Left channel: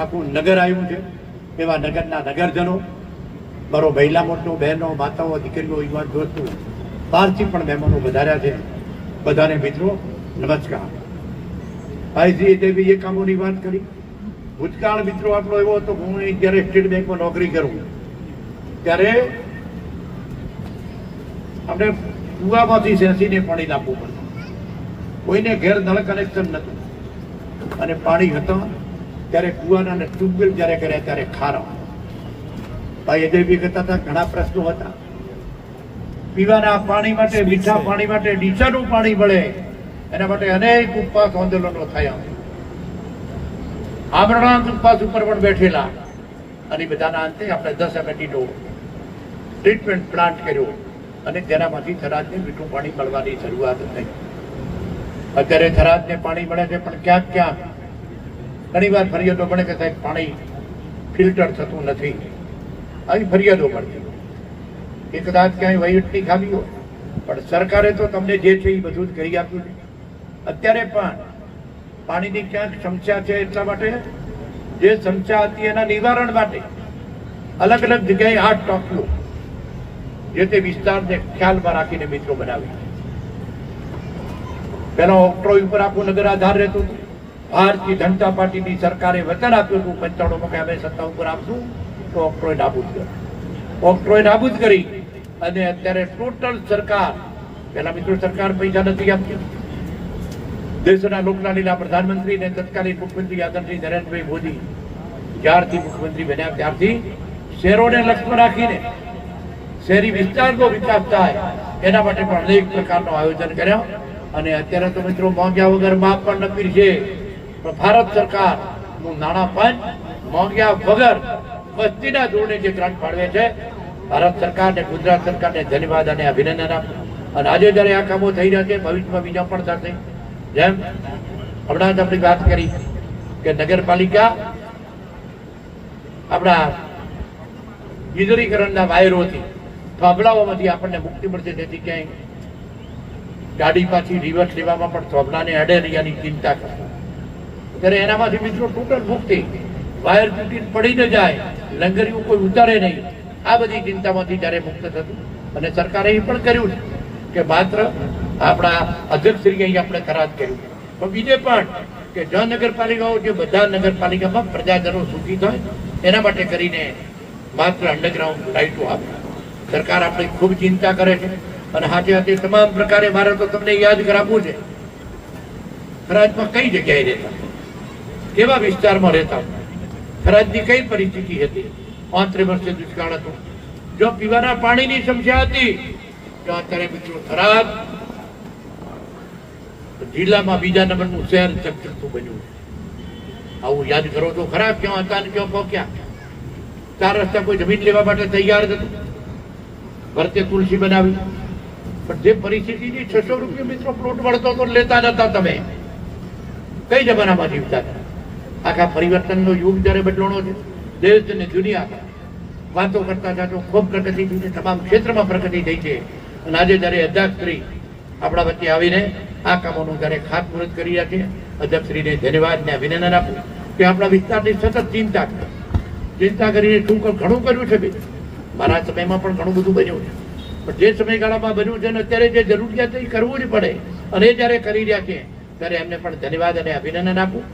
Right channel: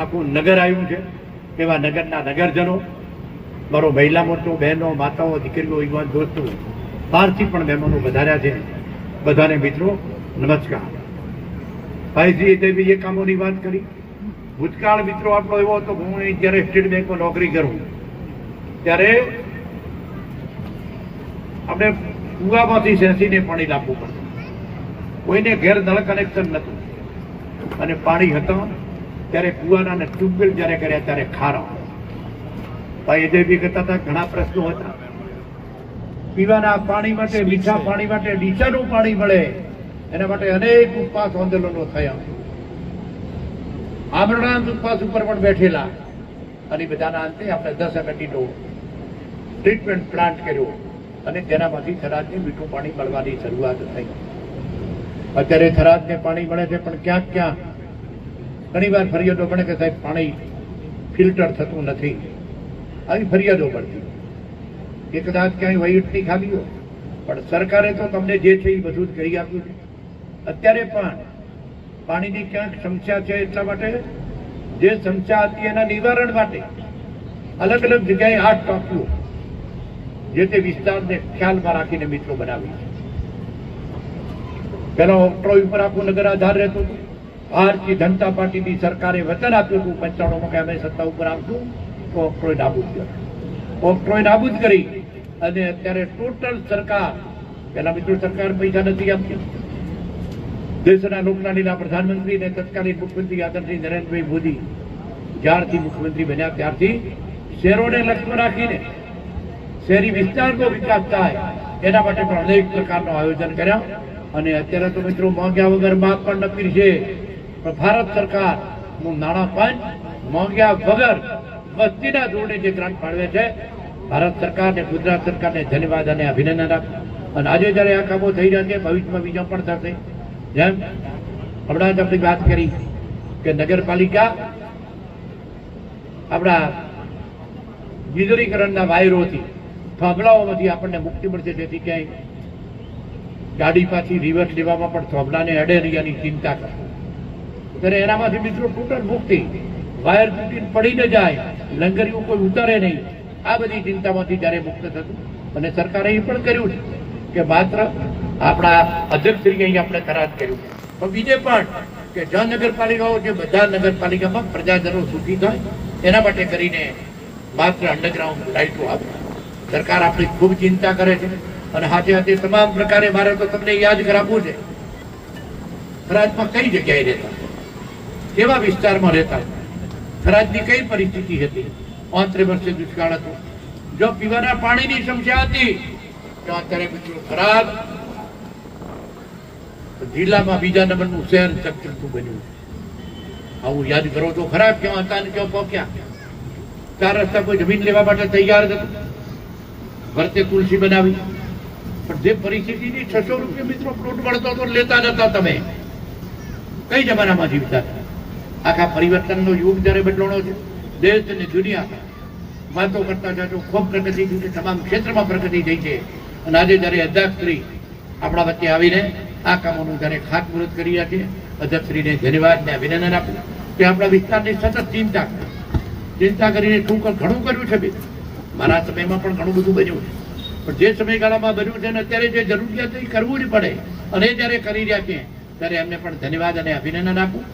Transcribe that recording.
આખું નગર આવ્યું છે. એવા નગરના નગરજનો, મારો મહિલા મોરચો, બહેનો, માતાઓ, દીકરીઓ, યુવાન દોસ્તો, બહારથી પણ મહેમાનો વધાર્યા છે. બધાને મિત્રો નમસ્કાર. ભાઈજીએ જે બી એ કામોની વાત કરી, ભૂતકાળ મિત્રો આપણો એવો હતો. હું જ્યારે સ્ટેટ બેંકમાં નોકરી કરું ત્યારે આપણે કુવામાંથી સેસીને પાણી લાવવું પડતું. કોઈને ઘેર નળ કનેક્શન નહોતું અને પાણી હતા ત્યારે કુવાના અને ટ્યુબવેલ જ્યારે કર્યા ત્યારે ખારા. ભાઈ જે બી કરતા હતા, ઘણા પ્રશ્નો હતા. પીવાના પાણી માટે, મીઠા પાણી માટે ડીસાનું પાણી મળે એના માટે અનેક ઉપવાસ આંદોલનો થયા. આમરણાંત ઉપવાસ ઉપર પણ બેઠેલા અને બધાના અંતે આપણે 10 MLDનો ટ્રીટમેન્ટ પ્લાન્ટ કર્યો અને તેનામાંથી થરાદને મીઠું પાણી મળવાની શરૂઆત થઈ. અત્યારે થરાદને પાણી મળે છે, પણ ક્યાંક ક્યાંક ઘણી વાર ફરિયાદો પડે કે સાહેબ પાણી ફિલ્ટર થતું નથી. આવી ફરિયાદો પડતી કે કદાચ ક્યાંય વહીવટની ખામી હોય, પણ સરકારે તો તમને જે છે એ બધું જ કરી આપ્યું છે. અત્યારે પણ પાણીની ક્યાંક સમસ્યા છે, એટલા માટે જે સમસ્યા હતી એના નિવારણ માટે અલગ અલગ જગ્યાએ 8 ટાંકીઓ જે તે વિસ્તારને ખ્યાલમાં રાખીને મિત્રો બનાવી. પેલો ઓક્ટ્રોય ઉપર આખું નગર આધાર રહેતું. ભારતીય જનતા પાર્ટીની સરકારે વચન આપ્યું હતું 95 કે અમે સત્તા ઉપર આપશું તો ઓક્ટ્રોય નાબૂદ કર્યો. ઓક્ટ્રોય નાબૂદ કરી અને અત્યારે ટોટલ સરકાર, પેલા મિત્રો સરકાર પૈસા નથી આપતી. દેશના લોકલાડીલા પ્રધાનમંત્રી અને તત્કાલીન મુખ્યમંત્રી આદરણીય નરેન્દ્રભાઈ મોદી જ્યારથી મુખ્યમંત્રી બન્યા ત્યારથી શહેરોને લક્ષ્યમાં રાખીને શહેરી વિસ્તારનો વિકાસ થાય એના માટે પણ અનેક પ્રકારનું આયોજન કર્યા. અને અત્યારે તો મિત્રો માંગ્યા વગર માપ પણ નપીર છે. પણ ભારત સરકારનું નાણાં પંચ માંગ્યા વગર વસ્તીના ધોરણે જે ગ્રાન્ટ ફાળવે છે, ભારત સરકારને, ગુજરાત સરકારને ધન્યવાદ અને અભિનંદન આપું. અને આજે જ્યારે આ કામો થઈ રહ્યા છે, ભવિષ્યમાં બીજા પણ થશે. જેમ હમણાં જ આપણી વાત કરી કે નગરપાલિકા આપણા વીજળીકરણના વાયરોથી, થોભલાઓમાંથી આપણને મુક્તિ મળશે, જેથી ક્યાંય ગાડી પાછી રિવર્સ લેવામાં પણ થોભલાને અડે નહીં એની ચિંતા કરશે. ત્યારે એનામાંથી મિત્રો ટોટલ મુક્તિ. વાયર તૂટીને પડી ન જાય, લંગરીઓ કોઈ ઉતારે નહીં, આ બધી ચિંતામાંથી જ્યારે મુક્ત થતું. અને સરકારે એ પણ કર્યું છે કે માત્ર આપણા અધ્યક્ષશ્રીએ અહીં આપણે કરાર કર્યું, પણ બીજે પણ કે જ નગરપાલિકાઓ, જે બધા નગરપાલિકામાં પ્રજાજનો સુખી થાય એના માટે કરીને માત્ર અંડરગ્રાઉન્ડ લાઇટો આપે. સરકાર આપણી ખૂબ ચિંતા કરે છે. અને હાથે હાથે તમામ પ્રકારે મારે તો તમને યાદ કરાવવું છે, થરાદમાં કઈ જગ્યાએ રહેતા, કેવા વિસ્તારમાં રહેતા, થરાદની કઈ પરિસ્થિતિ હતી. 35 વર્ષે દુષ્કાળ હતો. જો પીવાના પાણીની સમસ્યા હતી તો અત્યારે મિત્રો થરાદ જિલ્લામાં બીજા નંબરનું શહેર સક્સેસફુલ બન્યું. આવું યાદ કરો તો ખરા, ક્યાં હતા ને ક્યાં પહોંચ્યા. 4 રસ્તા કોઈ જમીન લેવા માટે તૈયાર હતું, વર્તે તુલસી બનાવી. પણ જે પરિસ્થિતિની 600 રૂપિયા મિત્રો પ્લોટ મળતો તો લેતા નતા. તમે કઈ જમાનામાં જીવતા હતા? આખા પરિવર્તનનો યુગ જ્યારે બદલાણો છે, દેશ અને દુનિયા વાતો કરતા જાજો, ખૂબ પ્રગતિ થઈ છે, તમામ ક્ષેત્રમાં પ્રગતિ થઈ છે. અને આજે જ્યારે અધ્યક્ષશ્રી આપણા વચ્ચે આવીને આ કામોનું જ્યારે ખાતમુહૂર્ત કરી રહ્યા છે, અધ્યક્ષશ્રીને ધન્યવાદ ને અભિનંદન આપું. કે આપણા વિસ્તારની સતત ચિંતા કરીને ઘણું કર્યું છે. મારા સમયમાં પણ ઘણું બધું બન્યું છે, પણ જે સમયગાળામાં બન્યું છે ને અત્યારે જે જરૂરિયાત એ કરવું જ પડે. અને એ જ્યારે કરી રહ્યા છે ત્યારે એમને પણ ધન્યવાદ અને અભિનંદન આપું.